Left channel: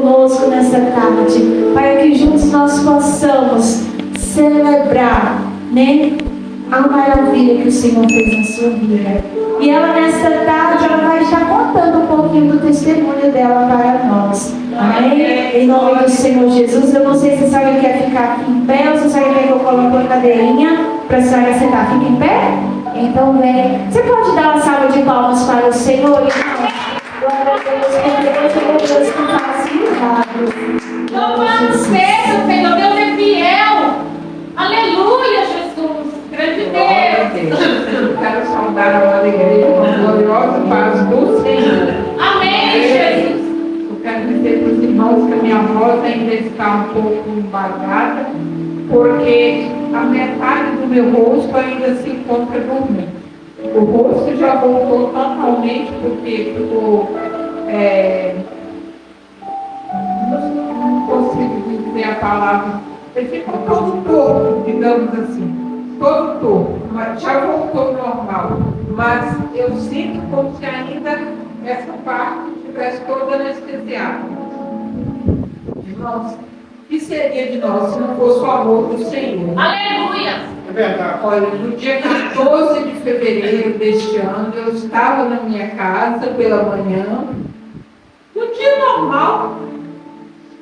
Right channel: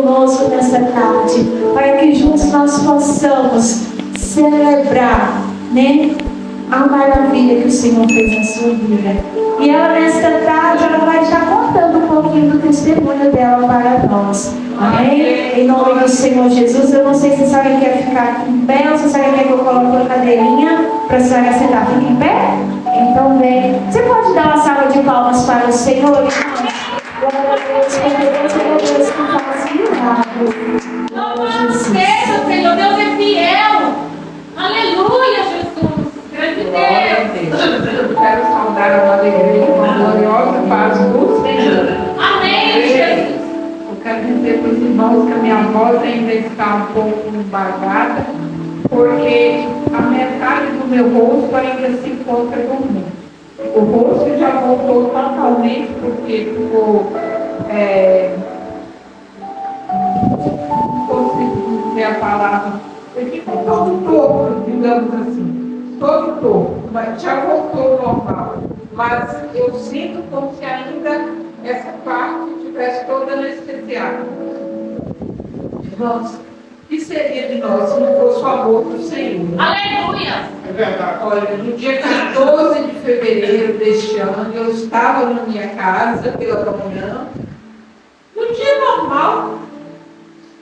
conosco nessa tarde, para que juntos nós possamos celebrar, né, a maravilha que o Senhor fez na sua vida. E ela, nesta tarde, ela vai estar contando um pouquinho do testemunho dela para nós. Amém? Em nome do Senhor Jesus. Eu não sei se a senhora quer ficar aqui em pé ou se a senhora quer que eu coloque uma cadeirinha para a senhora sentar. Fica em pé? Então, vem. Você pode dar uma salva de palmas para o Senhor? Glória a Deus, porque Deus que faz milagres. Louvado seja, Senhor, Deus é fiel. Aleluia, Jesus. Grande Deus. Eu quero saudar a alegria, a gloriosa paz do Senhor. Amém, Jesus. Eu quero dizer para os irmãos que a minha voz ainda está um pouco embasada, porque a metade do meu rosto ainda se encontra dormindo. O rosto já voltou totalmente, porque ficou, não consigo dizer a palavra, ele ficou todo torto, digamos assim, todo torto, mas já voltou ao normal. Mas eu sinto como se ainda essa parte estivesse toda anestesiada. Irmãos, o que seria de nós se não fosse o amor do Senhor? Aleluia. É verdade. Olha, no dia 14 de fevereiro deste ano, eu estava na minha casa pela manhã, num dia normal,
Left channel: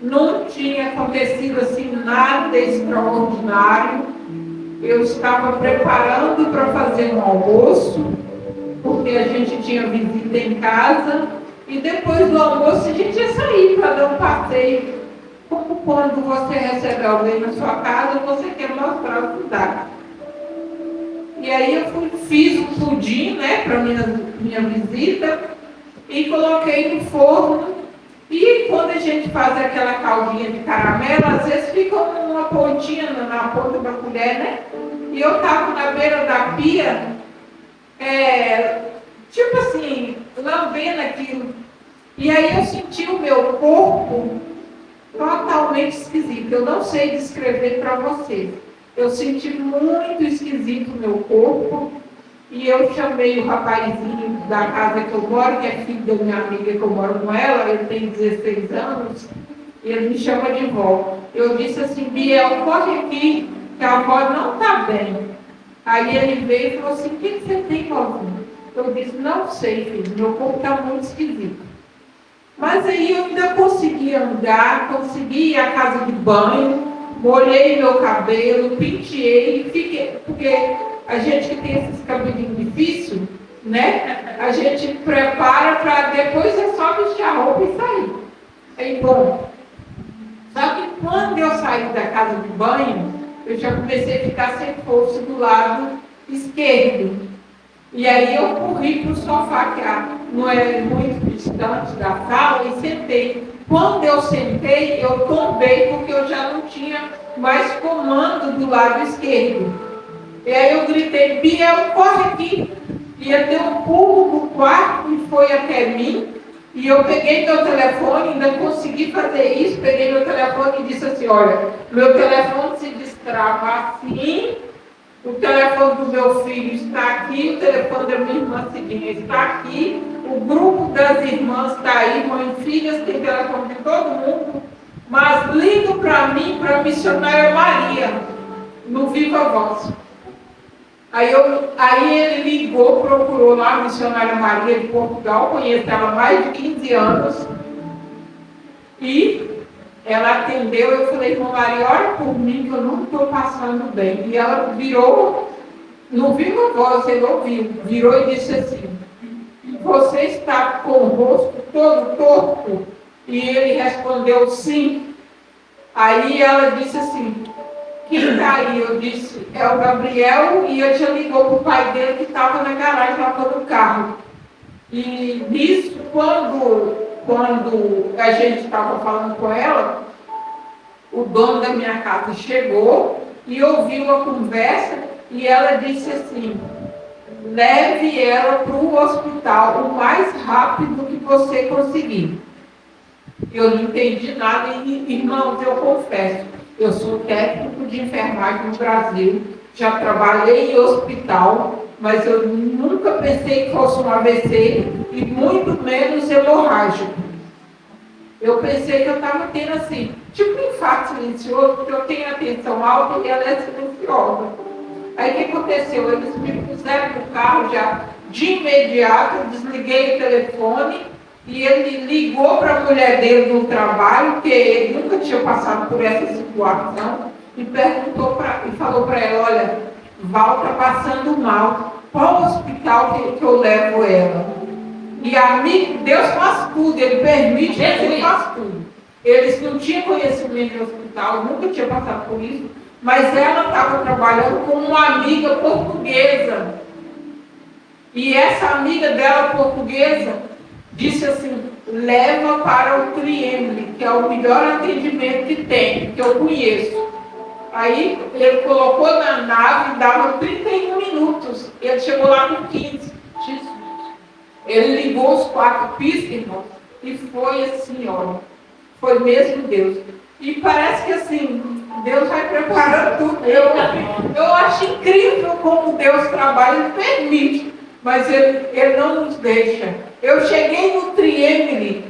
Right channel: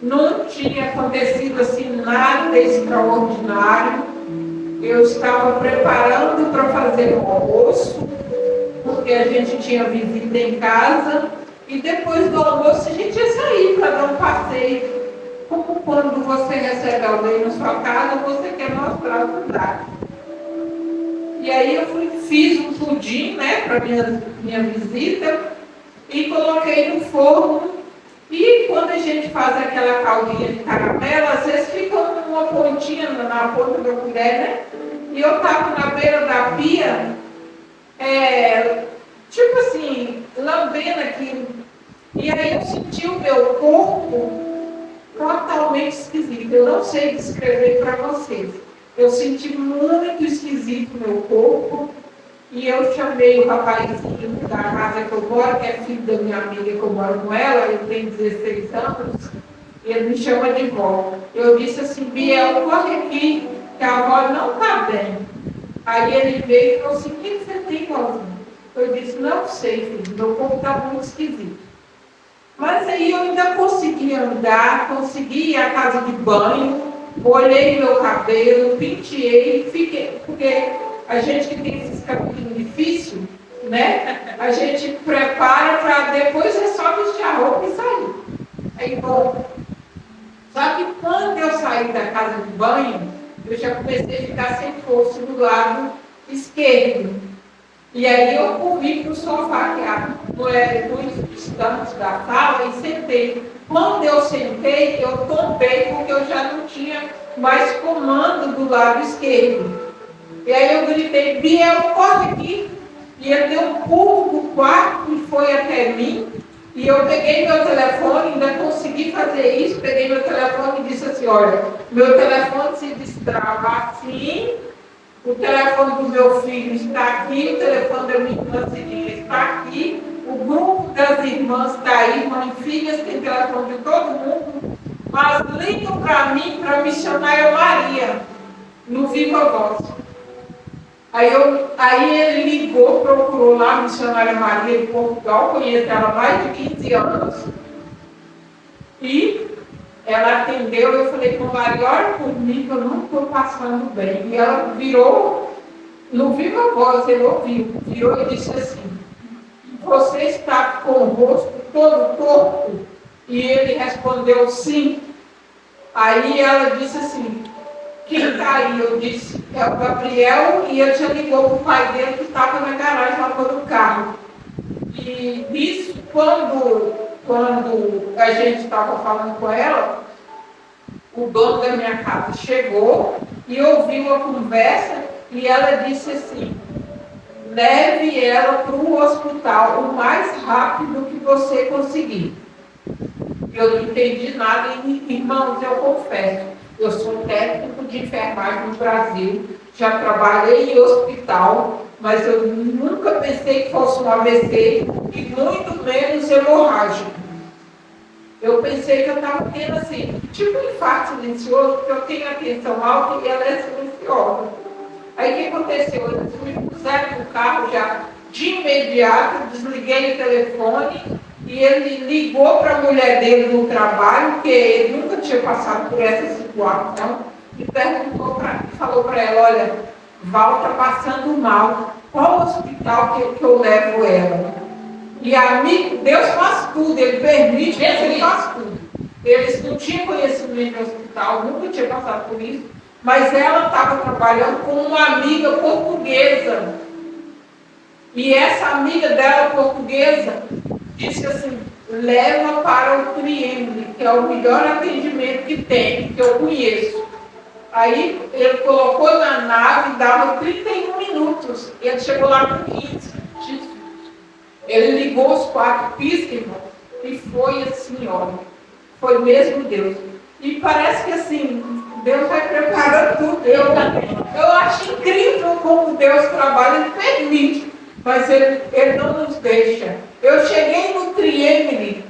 não tinha acontecido assim nada extraordinário. Eu estava preparando para fazer um almoço, porque a gente tinha visita em casa, e depois do almoço a gente ia sair para dar um passeio. Como quando você recebe alguém na sua casa, você quer mostrar a cidade. E aí eu fiz um pudim, né, para minha visita, e coloquei no forno. E quando a gente faz aquela caldinha de caramelo, às vezes fica uma pontinha na ponta da colher, né? E eu estava na beira da pia, tipo assim, lambendo aquilo. E aí eu senti o meu corpo totalmente esquisito. Eu não sei descrever para vocês. Eu senti muito esquisito o meu corpo. E eu chamei o rapazinho da casa que eu moro, que é filho da minha amiga que eu moro com ela, ele tem 16 anos, e ele me chama de vó. Eu disse assim: Biel, corre aqui, que a avó não está bem. Aí ele veio e falou assim: o que você tem, vózinho? Eu disse: não sei, filho, meu corpo está muito esquisito. Mas aí eu ainda consegui andar, consegui ir à casa de banho, molhei meu cabelo, penteei, fiquei, porque a gente que tem esses cabelinhos difíceis, né? A gente prepara para depois é só vestir a roupa e sair. Aí, bom. Só que quando eu saí da casa de banho, eu já comecei a ficar sem força do lado esquerdo. E aí eu corri para o sofá, que não é muito distante da sala, e sentei. Quando eu sentei, eu tombei, porque eu já não tinha mais comando do lado esquerdo. E aí eu gritei: Biel, corre aqui. E ele deu um pulo do quarto e foi até mim. E eu peguei meu telefone, ainda consegui fazer isso, peguei meu telefone e disse assim: olha, meu telefone se destrava assim, o telefone do meu filho está aqui, o telefone da minha irmã Cidinha está aqui, o grupo das irmãs está aí, mãe e filhas, tem telefone de todo mundo, mas liga para mim, para a missionária Maria, no Viva Voz. Aí ele ligou, procurou lá a missionária Maria de Portugal, conheço ela há mais de 15 anos, e ela atendeu. Eu falei: irmã Maria, ora por mim que eu não estou passando bem. E ela virou, no Viva Voz, ele ouviu, virou e disse assim: você está com o rosto todo torto? E ele respondeu: sim. Aí ela disse assim: quem está aí? Eu disse: é o Gabriel. E ele já ligou para o pai dele, que estava na garagem, lavando o carro. E nisso, quando a gente estava falando com ela, o dono da minha casa chegou e ouviu a conversa, e ela disse assim: leve ela para o hospital o mais rápido que você conseguir. Eu não entendi nada, e, irmãos, eu confesso, eu sou técnico de enfermagem no Brasil, já trabalhei em hospital, mas eu nunca pensei que fosse um AVC, e muito menos hemorrágico. Eu pensei que eu estava tendo assim, tipo um infarto silencioso, porque eu tenho atenção alta e ela é silenciosa. Aí o que aconteceu? Eles me puseram no carro já de imediato, eu desliguei o telefone e ele ligou para a mulher dele no trabalho, que ele nunca tinha passado por essa situação, e perguntou e falou para ela, olha, Val está passando mal, qual hospital que eu levo ela? E amigo, Deus faz tudo, Ele permite, mas Ele faz tudo. Eles não tinham conhecimento de hospital, nunca tinha passado por isso, mas ela estava trabalhando com uma amiga portuguesa. E essa amiga dela portuguesa disse assim, leva para o Triembre, que é o melhor atendimento que tem, que eu conheço. Aí ele colocou na nave, dava 31 minutos, ele chegou lá com 15. Ele ligou os 4 piscas, irmão, e foi assim, olha, foi mesmo Deus. E parece que assim, Deus vai preparando tudo. Eu acho incrível como Deus trabalha, Ele permite, mas Ele não nos deixa. Eu cheguei no Triembre,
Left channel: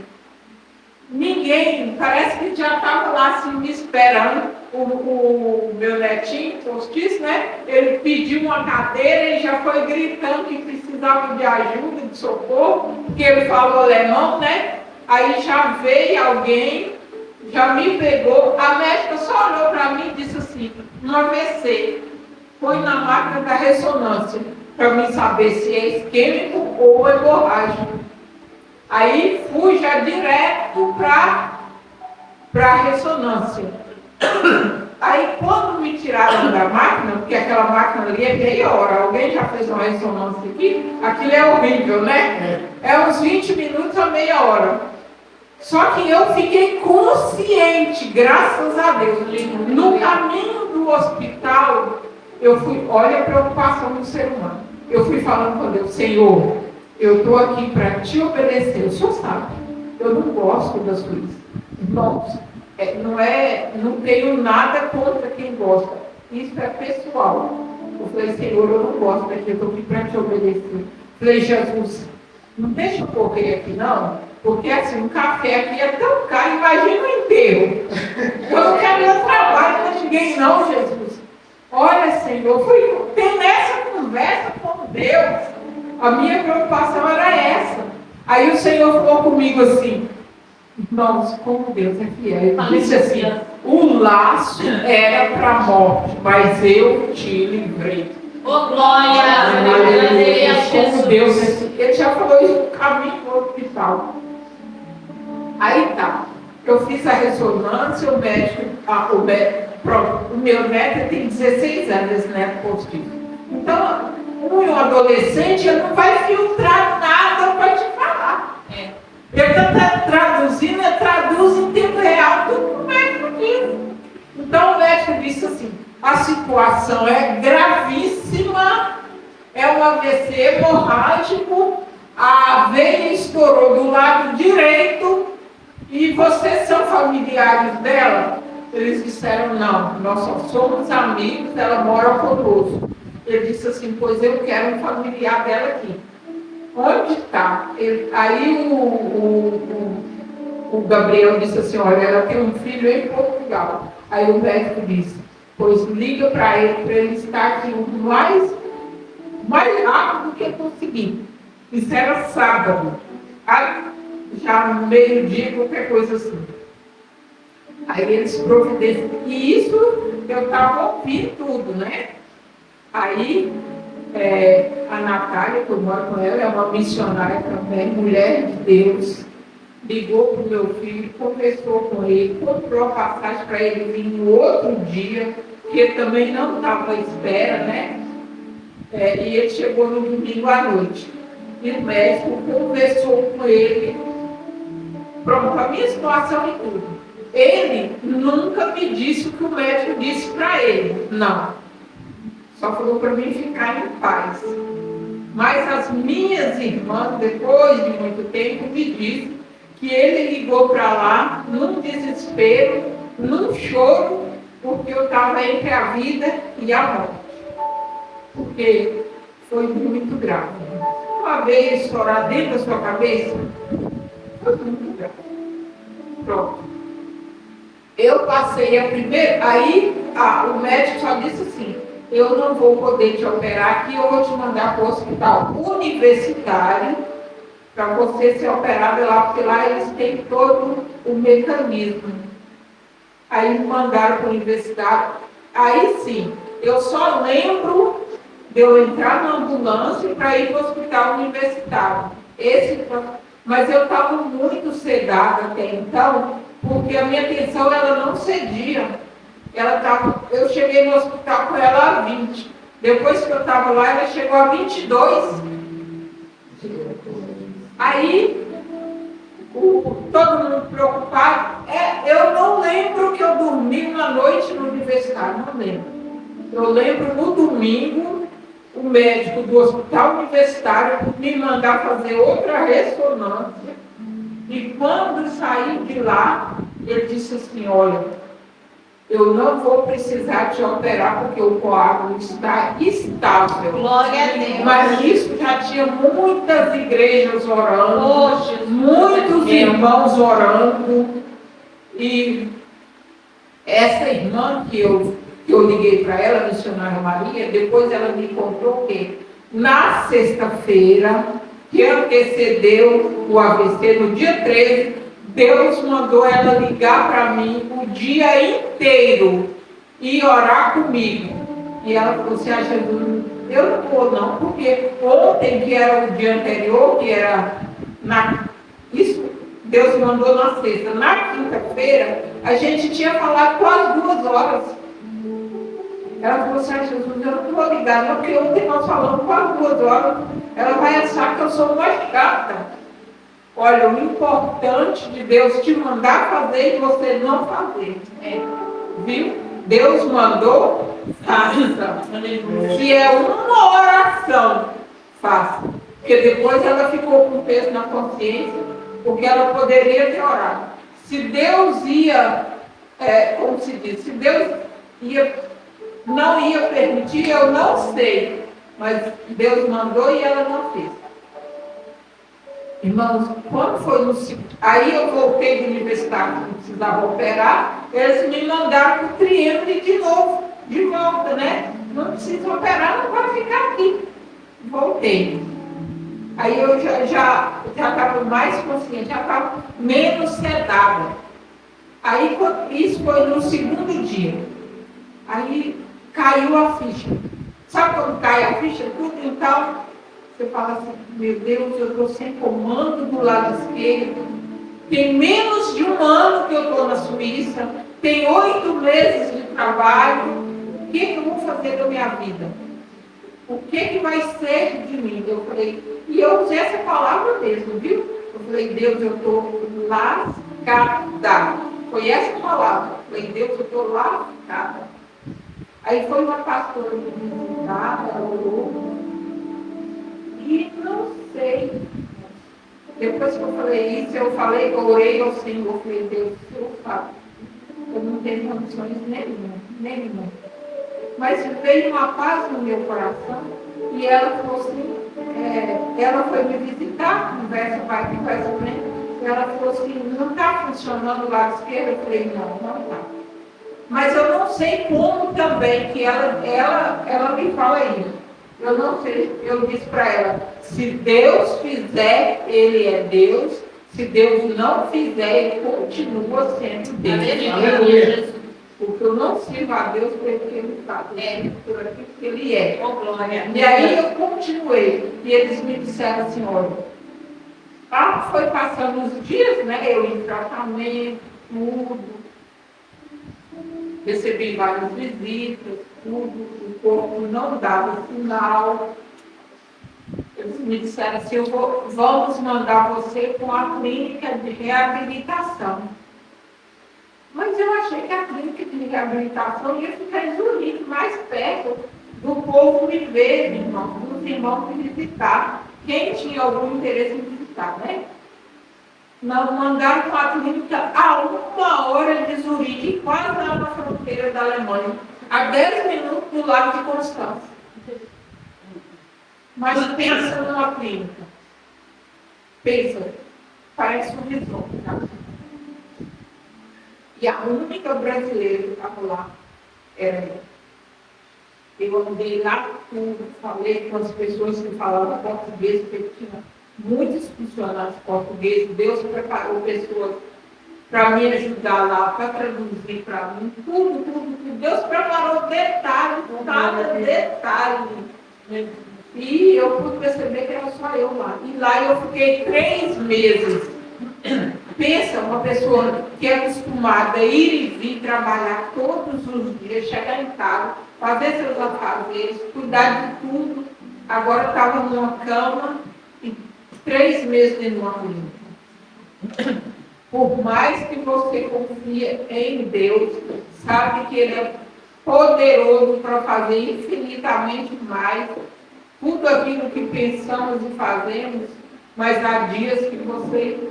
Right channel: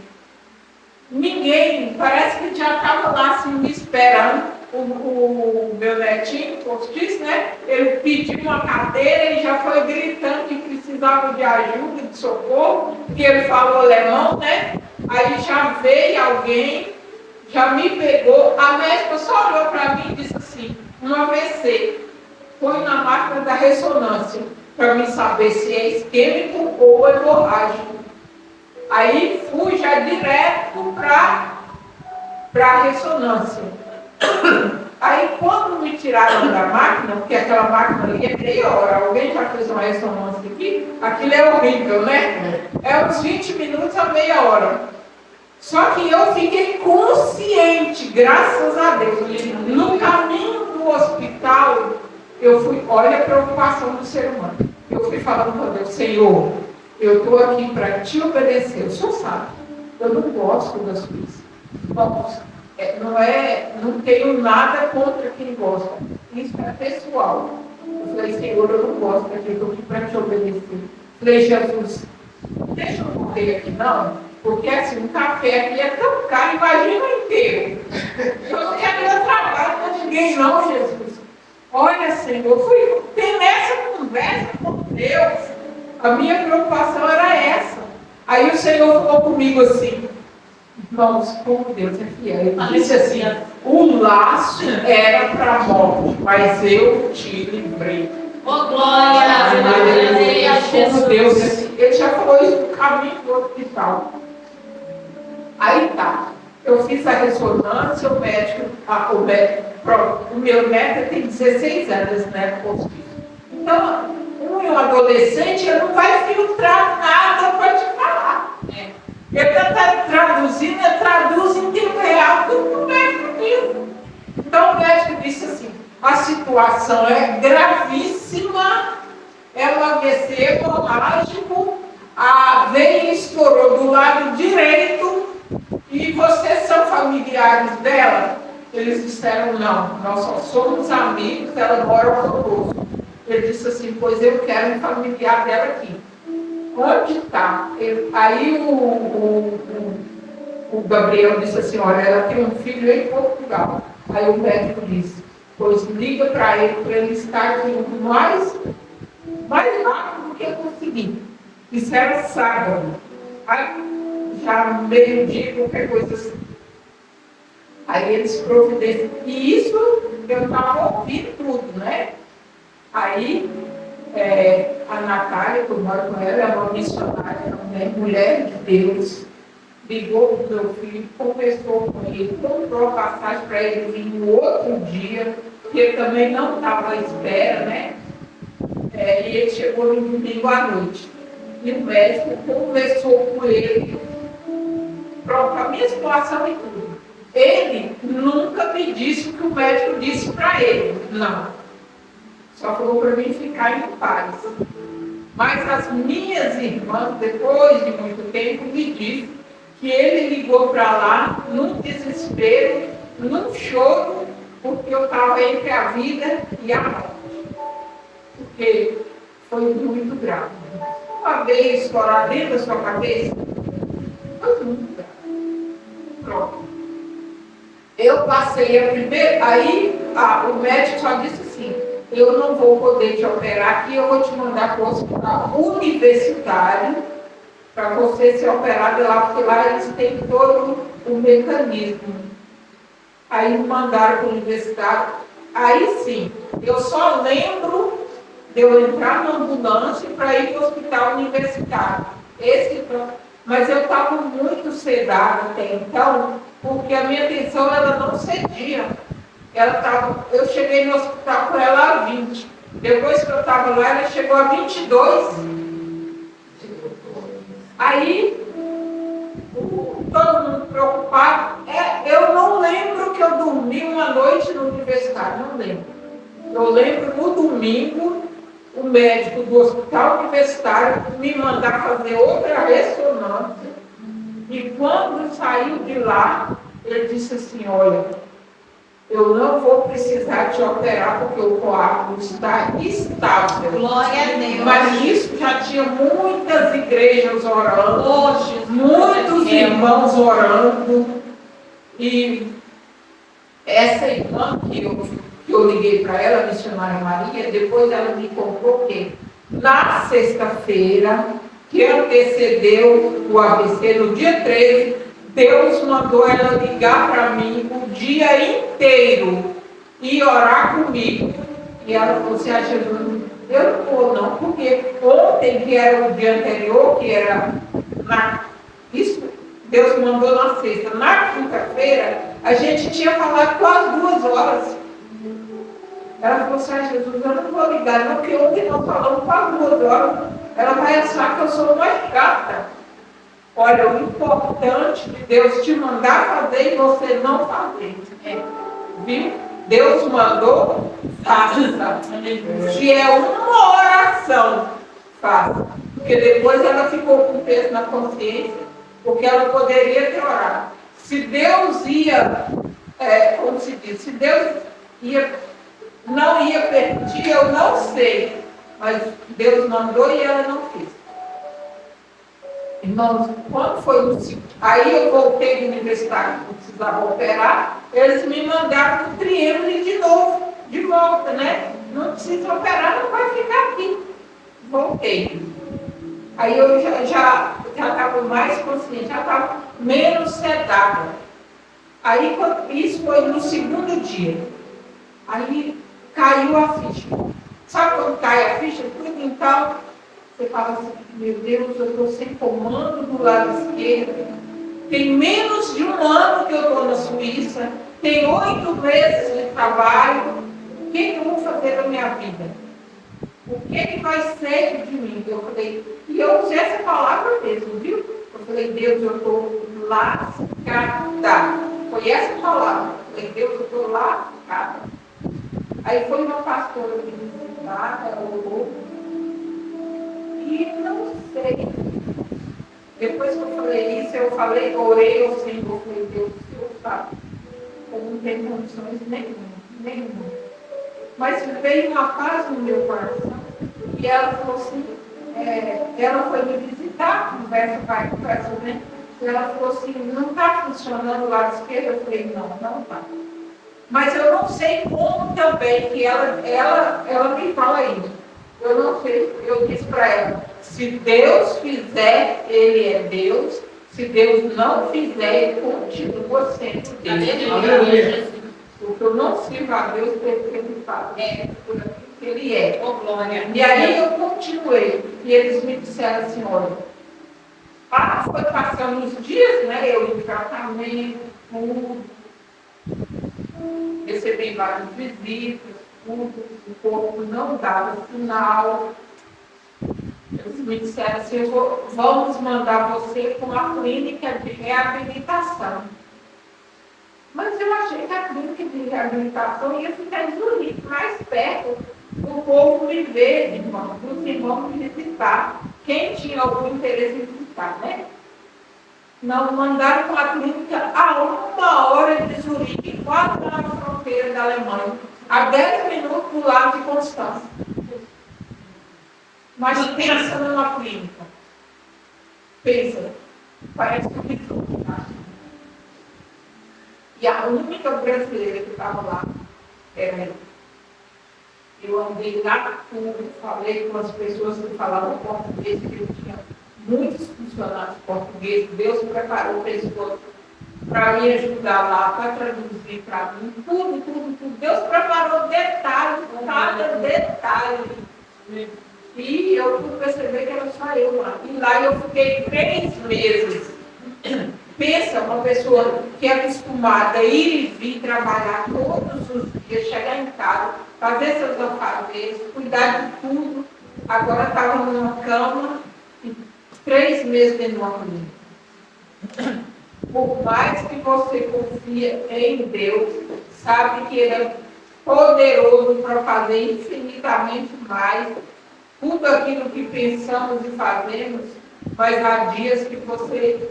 ninguém, parece que já estava lá assim, me esperando. O meu netinho, postiço, né? Ele pediu uma cadeira e já foi gritando que precisava de ajuda, de socorro, porque ele falou alemão, né? Aí já veio alguém, já me pegou, a médica só olhou para mim e disse assim, um AVC, põe na máquina da ressonância, para mim saber se é isquêmico ou hemorrágico. Aí fui já direto para a ressonância. Aí quando me tiraram da máquina, porque aquela máquina ali é meia hora, alguém já fez uma ressonância aqui? Aquilo é horrível, né? É uns 20 minutos a meia hora. Só que eu fiquei consciente, graças a Deus. No caminho do hospital, eu fui, olha a preocupação do ser humano. Eu fui falando com Deus, Senhor, eu estou aqui para te obedecer. O Senhor sabe, eu não gosto da Suíça. Irmãos, não tenho nada contra quem gosta. Isso é pessoal. Eu falei, Senhor, eu não gosto daqui, eu estou aqui para te obedecer. Falei, Jesus, não deixa eu correr aqui não, porque assim, um café aqui é tão caro, imagina o enterro. Eu não quero meu trabalho para ninguém não, Jesus. Olha, Senhor, eu fui ter nessa conversa com Deus. A minha preocupação era essa. Aí o Senhor falou comigo assim, irmãos, como Deus é fiel. Ele disse assim, o laço era para a morte, mas eu te livrei. Oh, glória! Como Deus é fiel. Ele já falou isso no caminho do hospital. Aí tá. Eu fiz a ressonância, o médico, pronto, o meu neto tem 16 anos, né, postiço. Então, um adolescente, ele não vai filtrar nada para te falar. Ele está traduzindo, ele traduz em tempo real tudo que o médico diz. Então o médico disse assim, a situação é gravíssima, é um AVC hemorrágico, a veia estourou do lado direito e vocês são familiares dela? Eles disseram, não, nós só somos amigos, ela mora conosco. Ele disse assim, pois eu quero um familiar dela aqui. Onde está? Aí o Gabriel disse assim, olha, ela tem um filho em Portugal. Aí o médico disse, pois liga para ele estar aqui o mais rápido que conseguir. Isso era sábado. Aí, já meio-dia, qualquer coisa assim. Aí eles providenciam. E isso eu estava ouvindo tudo, né? Aí a Natália, que eu moro com ela, é uma missionária também, mulher de Deus, ligou para o meu filho, conversou com ele, comprou a passagem para ele vir no outro dia, que ele também não estava à espera, né? E ele chegou no domingo à noite. E o médico conversou com ele, pronto, a minha situação e tudo. Ele nunca me disse o que o médico disse para ele, não. Só falou para mim ficar em paz. Mas as minhas irmãs, depois de muito tempo, me disseram que ele ligou para lá num desespero, num choro, porque eu estava entre a vida e a morte. Porque foi muito grave. Uma vez estourar dentro da sua cabeça, foi muito grave. pronto. Eu passei a primeira, aí o médico só disse assim, eu não vou poder te operar aqui, eu vou te mandar para o hospital universitário para você ser operado lá, porque lá eles têm todo o mecanismo. Aí me mandaram para o universitário. Aí sim, eu só lembro de eu entrar na ambulância para ir para o hospital universitário. Mas eu estava muito sedada até então, porque a minha atenção ela não cedia. Eu cheguei no hospital com ela a 20. Depois que eu estava lá, ela chegou a 22. Aí, todo mundo preocupado. Eu não lembro que eu dormi uma noite no universitário, não lembro. Eu lembro no domingo, o médico do hospital universitário me mandar fazer outra ressonância. E quando saí de lá, ele disse assim, olha, eu não vou precisar te operar porque o coágulo está estável. Glória a Deus. Mas nisso já tinha muitas igrejas orando, muitos irmãos orando. E essa irmã que eu liguei para ela, a missionária Maria, depois ela me contou que na sexta-feira, que antecedeu o AVC, no dia 13, Deus mandou ela ligar para mim o dia inteiro e orar comigo. E ela falou assim, Jesus, eu não vou não, porque ontem, que era o dia anterior, que era isso Deus mandou na sexta. Na quinta-feira, a gente tinha falado quase 2 horas. Ela falou assim, Jesus, eu não vou ligar não, porque ontem nós falamos quase 2 horas. Ela vai achar que eu sou uma chata. Olha, o importante de Deus te mandar fazer e você não fazer. Viu? Deus mandou, faça. Se é uma oração, faça. Porque depois ela ficou com peso na consciência, porque ela poderia ter orado. Se Deus ia, como se diz, se Deus não ia permitir, eu não sei. Mas Deus mandou e ela não fez. Irmãos, quando foi no aí eu voltei do universitário, não precisava operar, eles me mandaram o triêmule de novo, de volta, né? Não precisa operar, não vai ficar aqui. Voltei. Aí eu já estava mais consciente, já estava menos sedada. Aí isso foi no segundo dia. Aí caiu a ficha. Sabe quando cai a ficha? Tudo então. Você fala assim, meu Deus, eu estou sem comando do lado esquerdo. Tem menos de 1 ano que eu estou na Suíça. Tem 8 meses de trabalho. O que eu vou fazer da minha vida? O que vai ser de mim? Eu falei, e eu usei essa palavra mesmo, viu? Eu falei, Deus, eu estou lascada. Foi essa palavra. Eu falei, Deus, eu estou lascada. Aí foi uma pastora me visitar, ela orou. E não sei. Depois que eu falei isso, eu orei ao Senhor, eu falei, Deus, o Senhor sabe. Eu não tenho condições nenhuma. Mas veio uma paz no meu coração e ela falou assim, ela foi me visitar, conversa pai, conversa mãe, e ela falou assim, não está funcionando o lado esquerdo? Eu falei, não está. Mas eu não sei como também, que ela me fala isso. Eu não sei, eu disse para ela, se Deus fizer, Ele é Deus, se Deus não fizer, Ele continua sendo Deus. Aleluia. Porque eu não sirvo a Deus pelo que Ele faz, por aquilo que Ele é. Oh, glória. E aí eu continuei, e eles me disseram assim, olha, foi passando os dias, né, eu em tratamento, tudo, recebi várias visitas, tudo, o corpo não dava sinal. Eles me disseram assim, vamos mandar você para uma clínica de reabilitação. Mas eu achei que a clínica de reabilitação ia ficar em Zurique, mais perto do povo me ver, dos irmãos me visitar. Quem tinha algum interesse em visitar, né? Não, mandaram para a clínica a 1 hora de Zurique, quase na fronteira da Alemanha, a 10 minutos do lado de Constança. Mas pensa numa clínica. Pensa, parece um resort, tá? E a única brasileira que estava lá era eu. Eu andei lá tudo, falei com as pessoas que falavam português, porque eu tinha muitos funcionários portugueses. Deus preparou pessoas para me ajudar lá, para traduzir para mim, tudo, tudo, tudo. Deus preparou detalhe, cada detalhe. E eu pude perceber que era só eu lá. E lá eu fiquei 3 meses. Pensa, uma pessoa que é acostumada a ir e vir trabalhar todos os dias, chegar em casa, fazer seus afazeres, cuidar de tudo. Agora estava numa cama e 3 meses dentro de uma clínica. Por mais que você confie em Deus, sabe que Ele é poderoso para fazer infinitamente mais tudo aquilo que pensamos e fazemos, mas há dias que você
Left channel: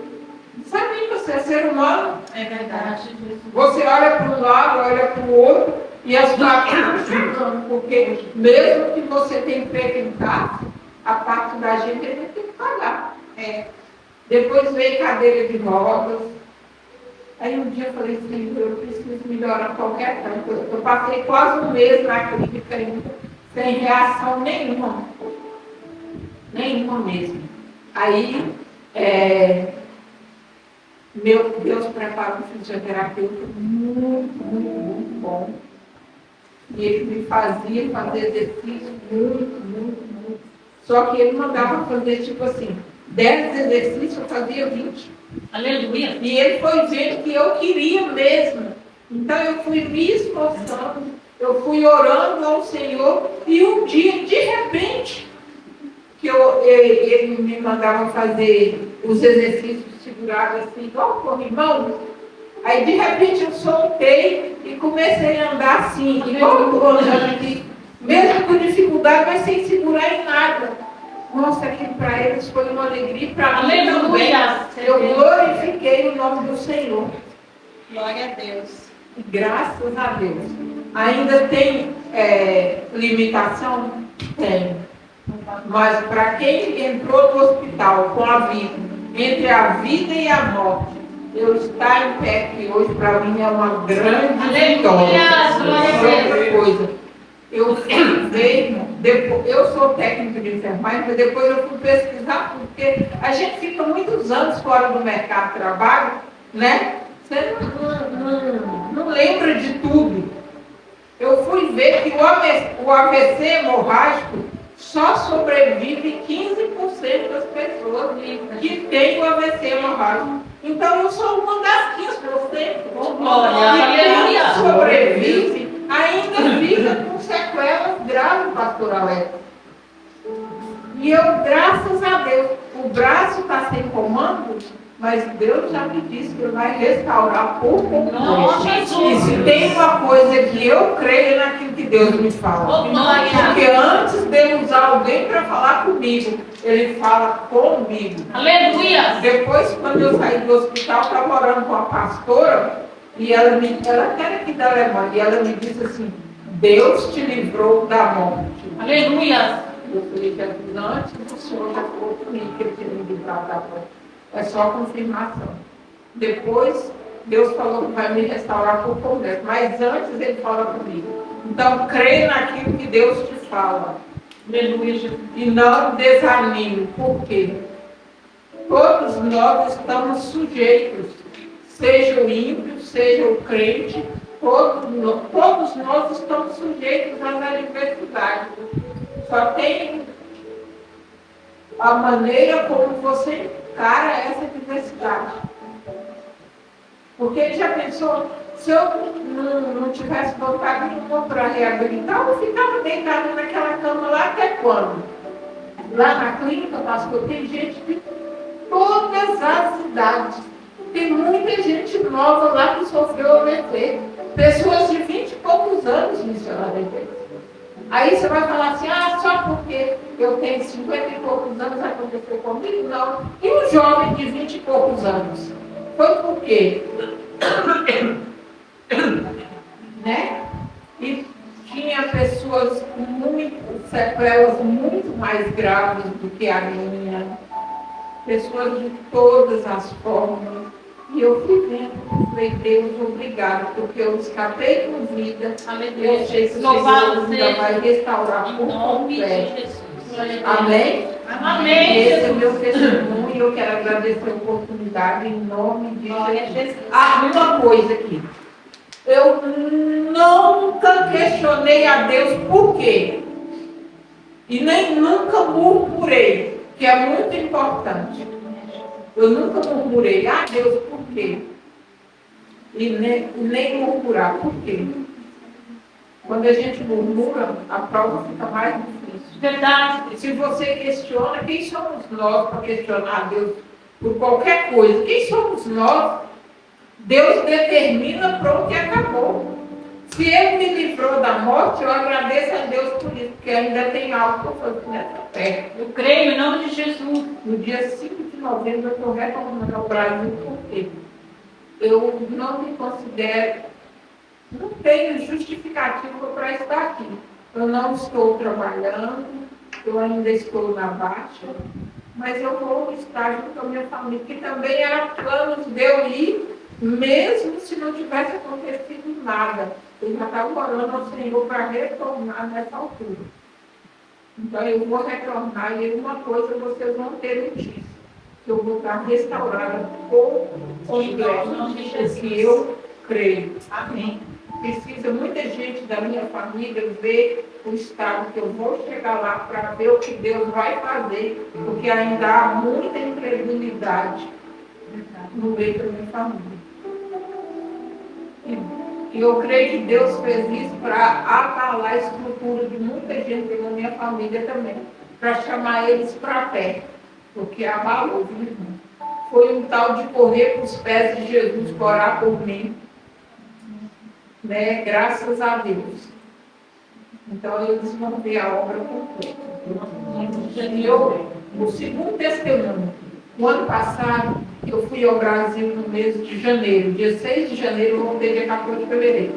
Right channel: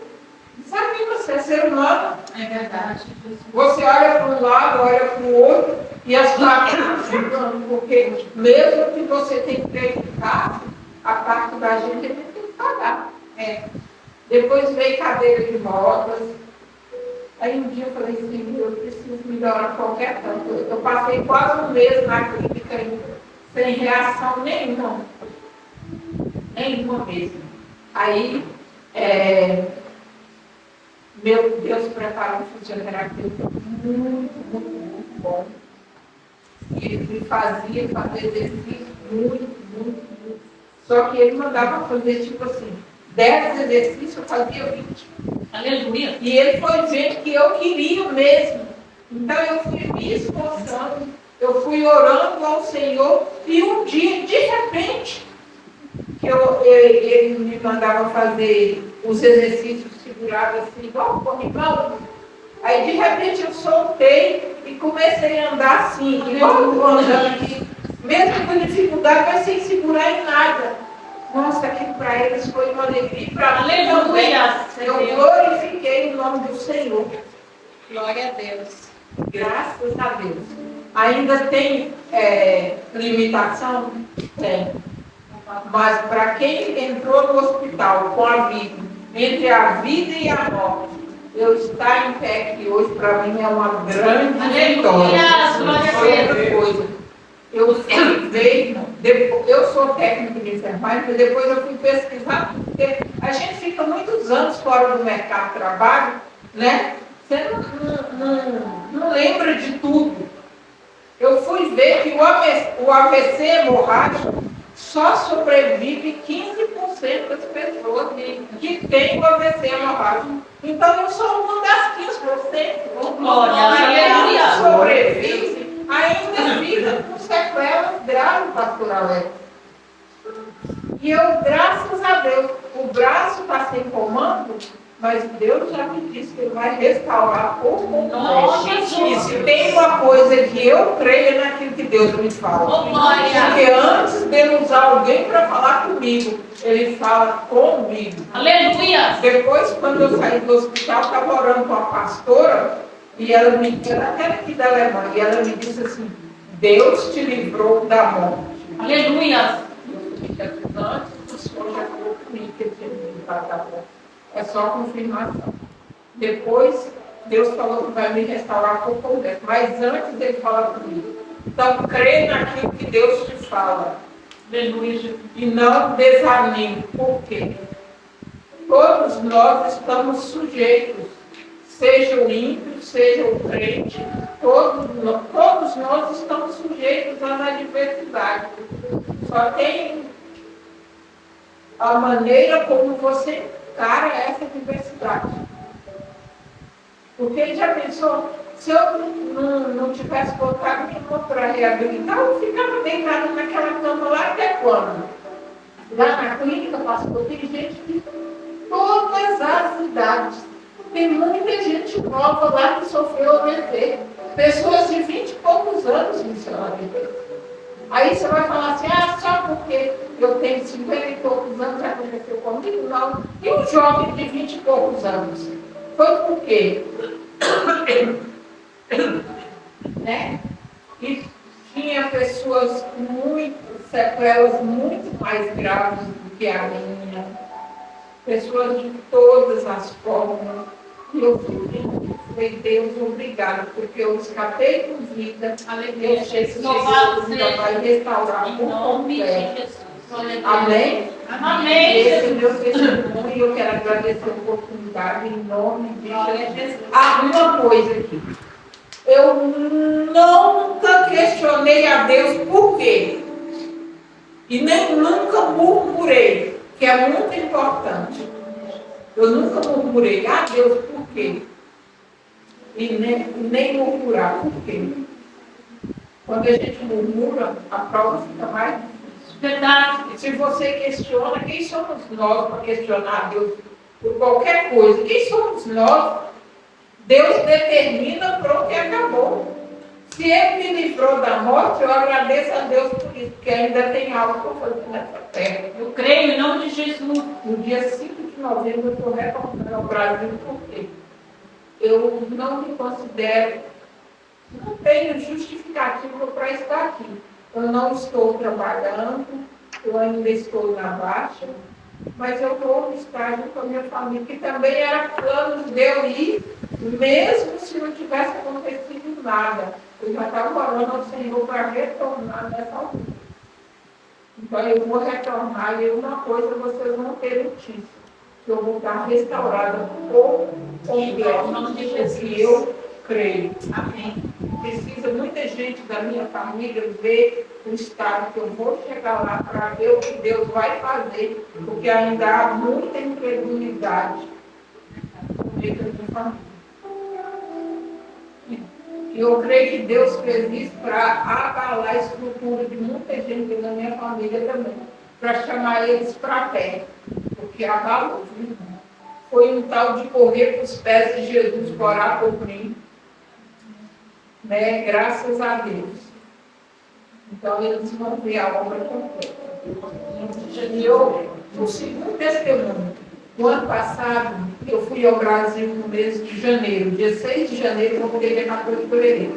sabe, você é ser humano. É verdade. Você olha para um lado, olha para o outro e as palavras chegando, porque mesmo que você tenha que acreditar, a parte da gente a gente tem que pagar. Depois veio cadeira de rodas. Aí um dia eu falei assim, eu preciso melhorar qualquer tanto. Eu passei quase 1 mês na clínica sem reação nenhuma. Nenhuma mesmo. Aí, meu Deus preparou um fisioterapeuta muito, muito, muito bom. E ele me fazia fazer exercício muito, muito, muito. Só que ele mandava fazer tipo assim, 10 exercícios, eu fazia 20. Aleluia. E ele foi vendo que eu queria mesmo. Então eu fui me esforçando, eu fui orando ao Senhor, e um dia, de repente, que ele me mandava fazer os exercícios segurados assim, igual o corrimão. Aí de repente eu soltei e comecei a andar assim, igual eu estou andando aqui, mesmo com dificuldade, mas sem segurar em nada. Nossa, aquilo para eles foi uma alegria, para mim também. Eu glorifiquei o nome do Senhor. Glória a Deus. Graças a Deus. Ainda tem limitação? Tem. Mas para quem entrou no hospital com a vida, entre a vida e a morte, eu estar em pé aqui hoje, para mim é uma grande vitória. Outra coisa, eu fui ver, eu sou técnico de enfermagem, mas depois eu fui pesquisar, porque a gente fica muitos anos fora do mercado de trabalho, né? Você não lembra de tudo. Eu fui ver que o AVC hemorrágico só sobrevive 15% das pessoas que têm o AVC hemorrágico. Então eu sou uma das 15%. Glória, que sobrevive, ainda fica com sequelas graves, pastor Alex. E eu, graças a Deus, o braço está sem comando, mas Deus já me disse que Ele vai restaurar por completo. E se tem uma coisa que eu creio, é naquilo que Deus me fala. Porque antes de Ele usar alguém para falar comigo, Ele fala comigo. Aleluia! Depois, quando eu saí do hospital, estava orando com a pastora, e ela era aqui da Alemanha, e ela me disse assim, Deus te livrou da morte. Aleluia! Eu falei, Jesus, antes o Senhor já falou comigo que Ele tinha me livrado da morte. É só confirmação. Depois, Deus falou que vai me restaurar por completo. Mas antes Ele fala comigo. Então, crê naquilo que Deus te fala. Aleluia! E não desanime. Por quê? Todos nós estamos sujeitos. Seja o ímpio, seja o crente. Todos nós estamos sujeitos às adversidades. Só tem a maneira como você encara essa adversidade. Porque ele já pensou, se eu não tivesse botado nenhuma para reabilitar, eu ficava deitado naquela cama lá até quando? Lá na clínica, pastor, tem gente de todas as idades. Tem muita gente nova lá que sofreu AVC. Pessoas de 20 e poucos anos, missionário. Aí você vai falar assim, só porque eu tenho 50 e poucos anos aconteceu comigo? Não. E um jovem de 20 e poucos anos? Foi por quê? Né? E tinha pessoas com sequelas muito mais graves do que a minha. Pessoas de todas as formas. E eu fui vendo, falei, Deus, obrigado, porque eu escapei com vida. Aleluia. Eu sei que o Louvado Senhor ainda vai restaurar Em por nome de completo. Jesus. Glória a Deus. Amém? Amém, Esse é Jesus. meu testemunho e eu quero agradecer a oportunidade em nome de Glória a Jesus. Jesus. Uma coisa aqui. Eu nunca questionei a Deus por quê. E nem nunca murmurei, que é muito importante. Eu nunca murmurei, Deus, por quê? E nem murmurar, por quê? Quando a gente murmura, a prova fica mais difícil. Verdade. E se você questiona, quem somos nós para questionar Deus por qualquer coisa? Quem somos nós? Deus determina, pronto e acabou. Se Ele me livrou da morte, eu agradeço a Deus por isso, porque ainda tem algo para fazer nessa terra. Eu creio em nome de Jesus. No dia 5 de novembro, eu estou retornando ao Brasil, porque eu não me considero, não tenho justificativa para estar aqui. Eu não estou trabalhando, eu ainda estou na baixa, mas eu vou estar junto com a minha família, que também era planos de eu ir, mesmo se não tivesse acontecido nada. Eu já estava orando ao Senhor para retornar nessa altura. Então eu vou retornar e uma coisa vocês vão ter notícia, que eu vou estar restaurada por completo, porque eu creio. Amém. Precisa muita gente da minha família ver o estado que eu vou chegar lá para ver o que Deus vai fazer, porque ainda há muita incredulidade no meio da minha família. E eu creio que Deus fez isso para abalar a estrutura de muita gente da minha família também, para chamar eles para perto, porque abalou, viu, irmão? Foi um tal de correr para os pés de Jesus para orar por mim, né? Graças a Deus. Então eles vão ver a obra completa. E o segundo testemunho, o ano passado, eu fui ao Brasil no mês de janeiro, dia 6 de janeiro, eu vou poder dia 14 de fevereiro.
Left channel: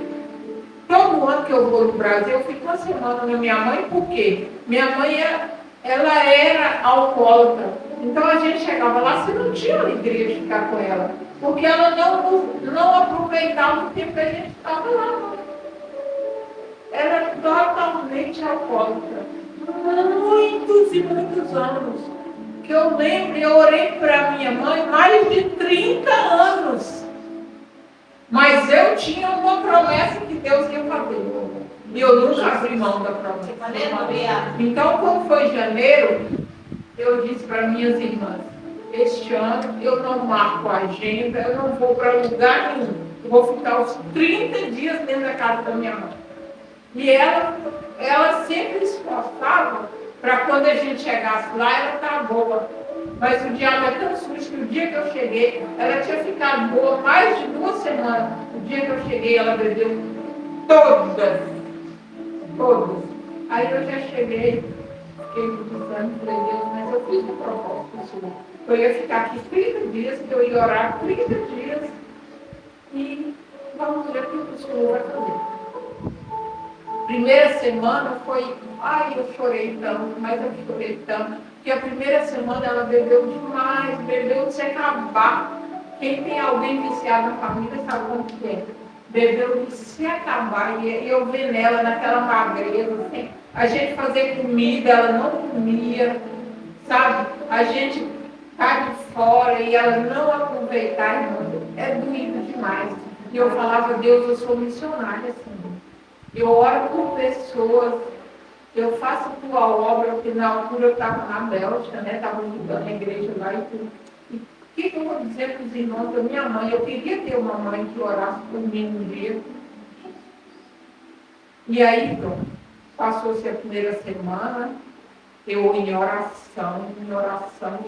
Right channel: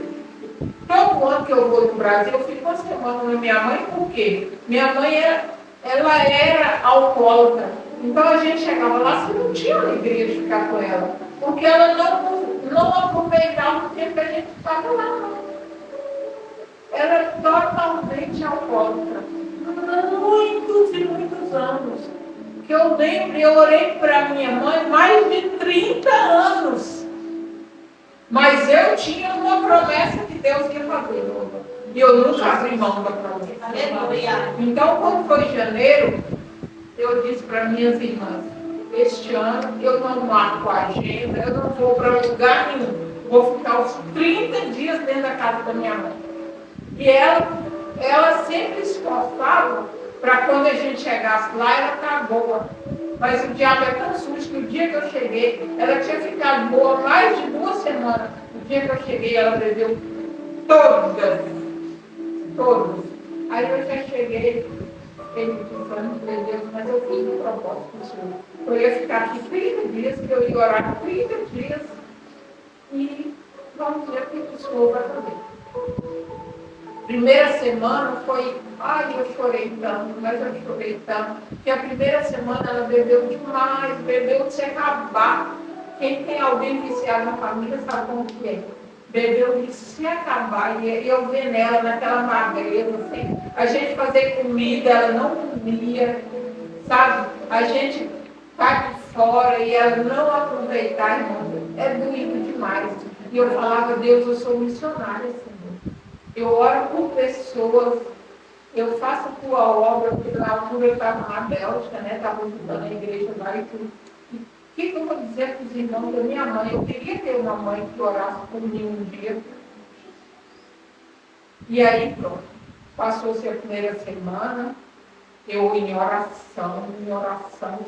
Todo ano que eu vou no Brasil, eu fico uma semana na minha mãe, por quê? Minha mãe ela era alcoólatra. Então a gente chegava lá, você não tinha alegria de ficar com ela, porque ela não aproveitava o tempo que a gente estava lá. Ela era totalmente alcoólatra. Muitos e muitos anos. Que eu lembro, eu orei para minha mãe mais de 30 anos. Mas eu tinha uma promessa que Deus ia fazer. E eu nunca abri mão da promessa. Aleluia. Então, quando foi janeiro, eu disse para minhas irmãs, este ano eu não marco a agenda, eu não vou para lugar nenhum. Eu vou ficar os 30 dias dentro da casa da minha mãe. E ela sempre esforçava para quando a gente chegasse lá, ela tá boa. Mas o diabo é tão sujo que o dia que eu cheguei, ela tinha ficado boa mais de 2 semanas. O dia que eu cheguei, ela bebeu todas. Aí eu já cheguei, fiquei me pensando, falei, Deus, mas eu fiz um propósito para o Senhor. Eu ia ficar aqui 30 dias, que eu ia orar 30 dias e vamos ver o que o Senhor vai fazer. Primeira semana foi, eu chorei tanto, mas eu chorei tanto, que a primeira semana ela bebeu demais, bebeu de se acabar. Quem tem alguém viciado na família sabe como que é. Bebeu de se acabar, e eu vendo ela naquela magreza, assim, a gente fazer comida, ela não comia, sabe? A gente tá de fora e ela não aproveitar, irmão, é doído demais. E eu falava, Deus, eu sou missionária, assim. Eu oro por pessoas, eu faço a tua obra, porque na altura eu estava na Bélgica, né? Estava ajudando a igreja lá e tudo. E o que eu vou dizer para os irmãos da minha mãe? Eu queria ter uma mãe que orasse por mim um dia. E aí, pronto. Passou-se a primeira semana, eu em oração,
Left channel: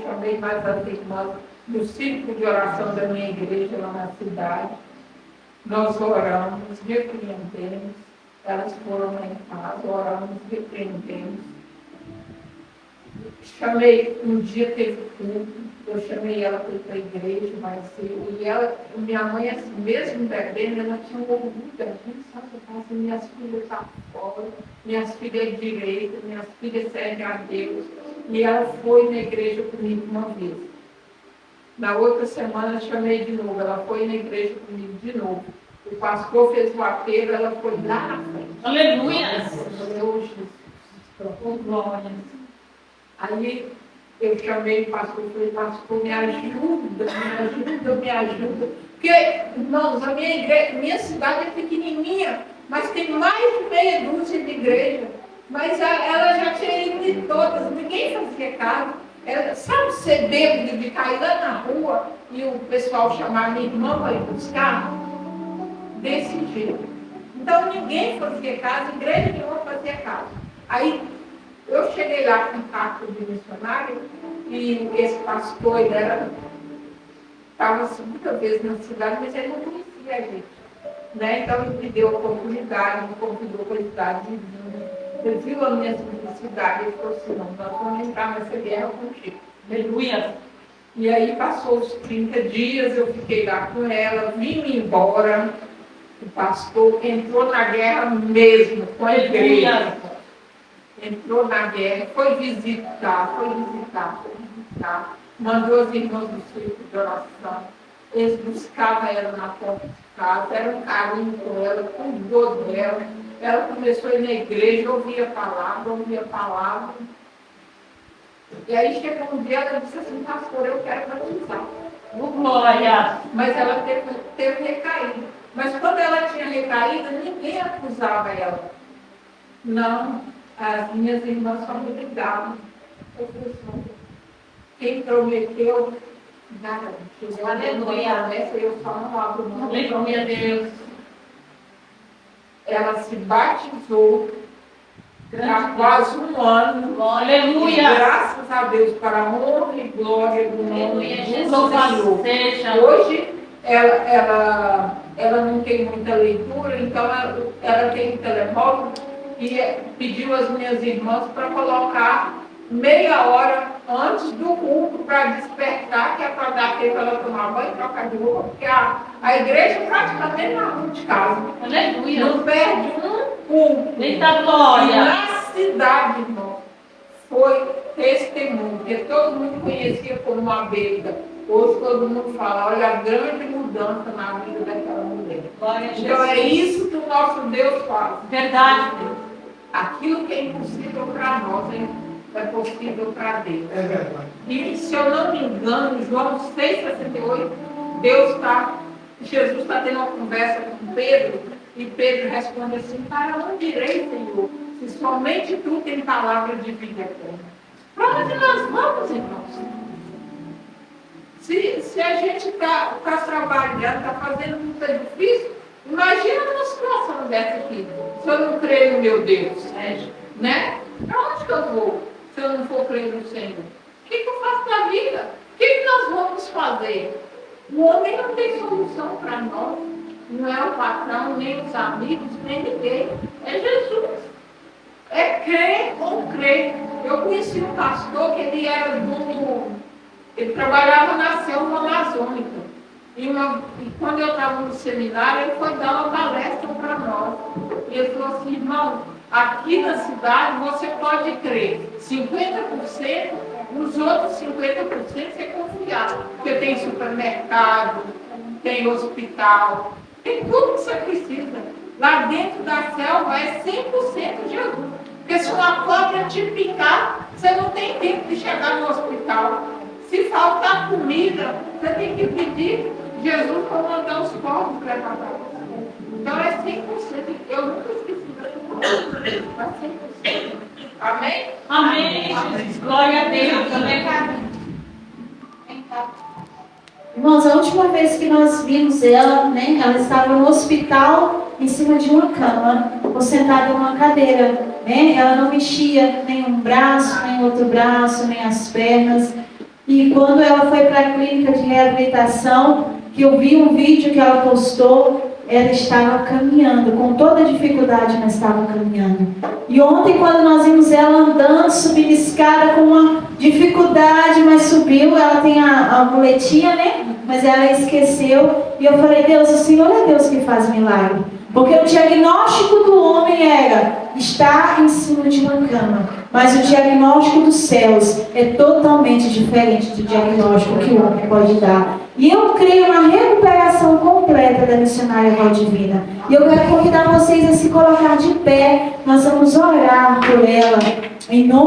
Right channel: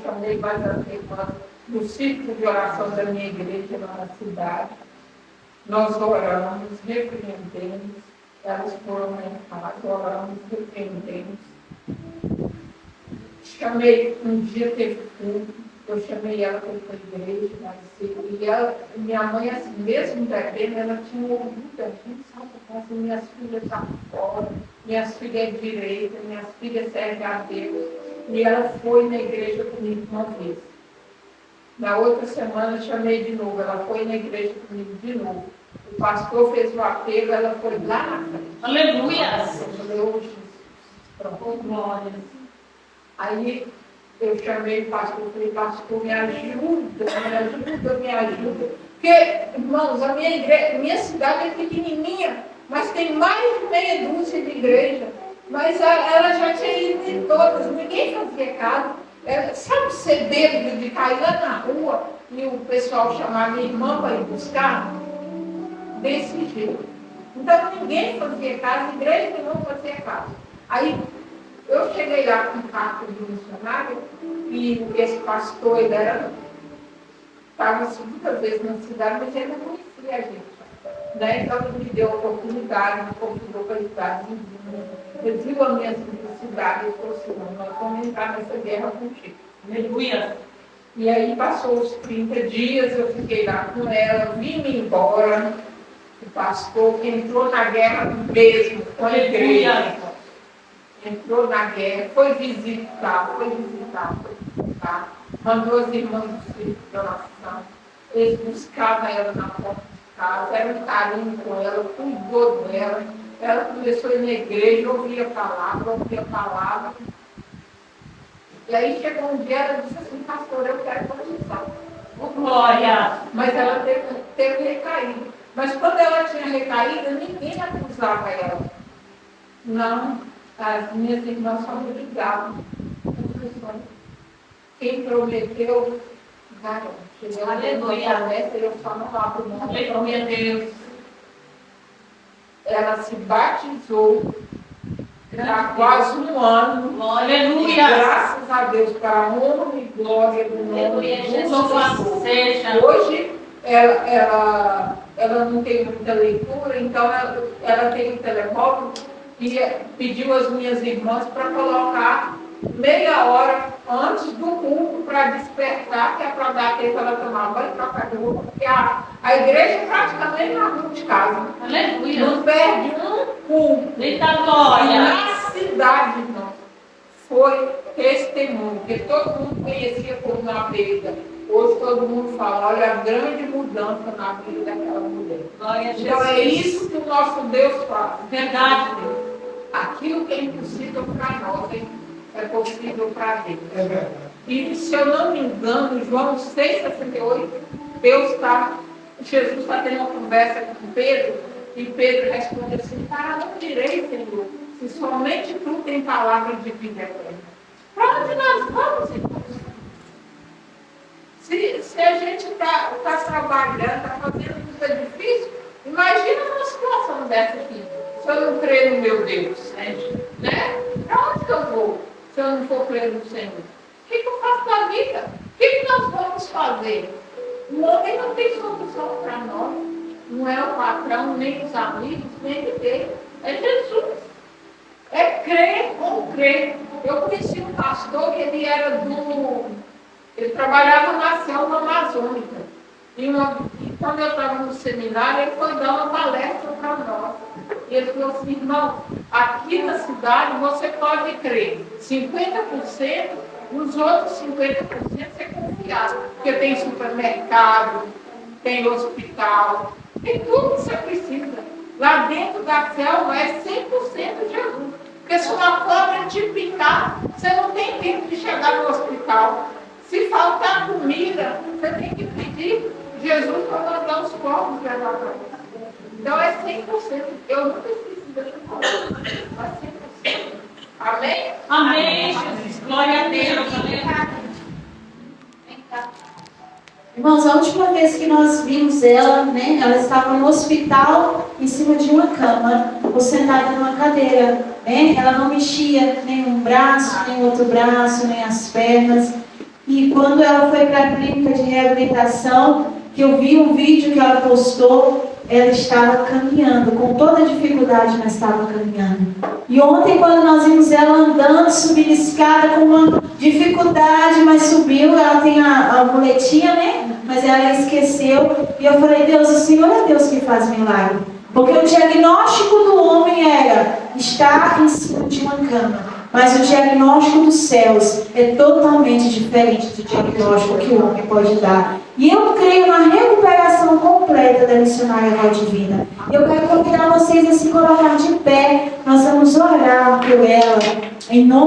chamei mais as irmãs do círculo de oração da minha igreja lá na cidade. Nós oramos, repreendemos. Elas foram lá em casa, oramos, repreendemos. Chamei, um dia teve culto, eu chamei ela para ir para a igreja mais cedo. E ela, minha mãe, assim, mesmo bebendo, ela tinha um orgulho da gente, sabe? Assim, minhas filhas estão fora, minhas filhas é direita, minhas filhas servem a Deus. E ela foi na igreja comigo uma vez. Na outra semana eu chamei de novo, ela foi na igreja comigo de novo. O pastor fez o apelo, ela foi lá na frente. Aleluia. Eu falei, ô Jesus, Oh, glória. aí eu chamei o pastor, falei, pastor, me ajuda, me ajuda, me ajuda. Porque, irmãos, a minha igreja, minha cidade é pequenininha, mas tem mais de meia dúzia de igrejas. Mas ela já tinha ido em todas, ninguém fazia caso. Sabe ser bêbado de cair lá na rua e o pessoal chamar minha irmã para ir buscar? Desse jeito. Então ninguém fazia caso, igreja nenhuma fazia caso. Aí eu cheguei lá com carta de missionário e esse pastor, ele estava a segunda vez na cidade, mas ele não conhecia a gente. Né? Então ele me deu a oportunidade, me convidou para a cidade vizinha. Ele viu a minha simplicidade e falou assim, não, nós vamos entrar nessa guerra contigo. Aleluia. E aí passou os 30 dias, eu fiquei lá com ela, vim-me embora. O pastor entrou na guerra mesmo, com a igreja. Entrou na guerra, foi visitar. Mandou as irmãs do centro de oração. Eles buscavam ela na porta de casa, era um carinho com ela, cuidou dela. Ela começou a ir na igreja, ouvia a palavra. E aí chegou um dia, ela disse assim, pastor, eu quero batizar. Glória. Mas ela teve recaída. Mas quando ela tinha recaída, ninguém acusava ela. Não, as minhas irmãs só me ligavam. Quem prometeu, garante. Aleluia. Eu só não abro mão. Aleluia, Deus. Ela se batizou há quase um ano. Aleluia. E graças a Deus, para a honra e glória do nome do Senhor. Hoje, ela não tem muita leitura, então ela tem um telemóvel e pediu às minhas irmãs para colocar meia hora antes do culto para despertar, que é para dar tempo para ela tomar banho e trocar de roupa, porque a igreja é praticamente na rua de casa. Aleluia. Não perde um culto. Eita E glória. na cidade, irmão, foi testemunho, porque todo mundo conhecia como uma beira. Hoje todo mundo fala, olha a grande mudança na vida daquela mulher. Glória a Jesus. Então é isso que o nosso Deus faz. Verdade, Deus. Aquilo que é impossível para nós é possível para Deus. É verdade. E se eu não me engano, João 6,68, Jesus está tendo uma conversa com Pedro, e Pedro responde assim, para onde irei, Senhor? Se somente tu tem palavra de vida eterna. Para onde nós vamos, irmãos? Se a gente está trabalhando, está fazendo muito difícil, imagina uma situação dessa aqui. Se eu não creio no meu Deus, né? Para onde que eu vou se eu não for crer no Senhor? O que eu faço da vida? O que nós vamos fazer? O homem não tem solução para nós. Não é o patrão, nem os amigos, nem ninguém. É Jesus. É crer ou crer. Eu conheci um pastor que ele trabalhava na selva amazônica. E quando eu estava no seminário, ele foi dar uma palestra para nós. E ele falou assim, irmão, aqui na cidade você pode crer 50%, nos outros 50% você confiar. Porque tem supermercado, tem hospital, tem tudo que você precisa. Lá dentro da selva é 100% Jesus. Porque se uma cobra te picar, você não tem tempo de chegar no hospital. Se faltar comida, você tem que pedir Jesus para mandar os povos levar para você. Então é 100%. Eu nunca esqueci dessa palavra. Mas 100%. Amém? Amém, Jesus. Glória a Deus. Aleluia. Irmãos, a última vez que nós vimos ela, né, ela estava no hospital, em cima de uma cama, ou sentada numa cadeira, né? Ela não mexia nem um braço, nem outro braço, nem as pernas. E quando ela foi para a clínica de reabilitação, que eu vi um vídeo que ela postou, ela estava caminhando, com toda dificuldade, mas estava caminhando. E ontem, quando nós vimos ela andando, subindo escada com uma dificuldade, mas subiu, ela tem a muletinha, né? Mas ela esqueceu. E eu falei, Deus, o Senhor é Deus que faz milagre. Porque o diagnóstico do homem era estar em cima de uma cama. Mas o diagnóstico dos céus é totalmente diferente do diagnóstico que o homem pode dar. E eu creio na recuperação completa da missionária Valdivina. E eu quero convidar vocês a se colocar de pé. Nós vamos orar por ela, em nome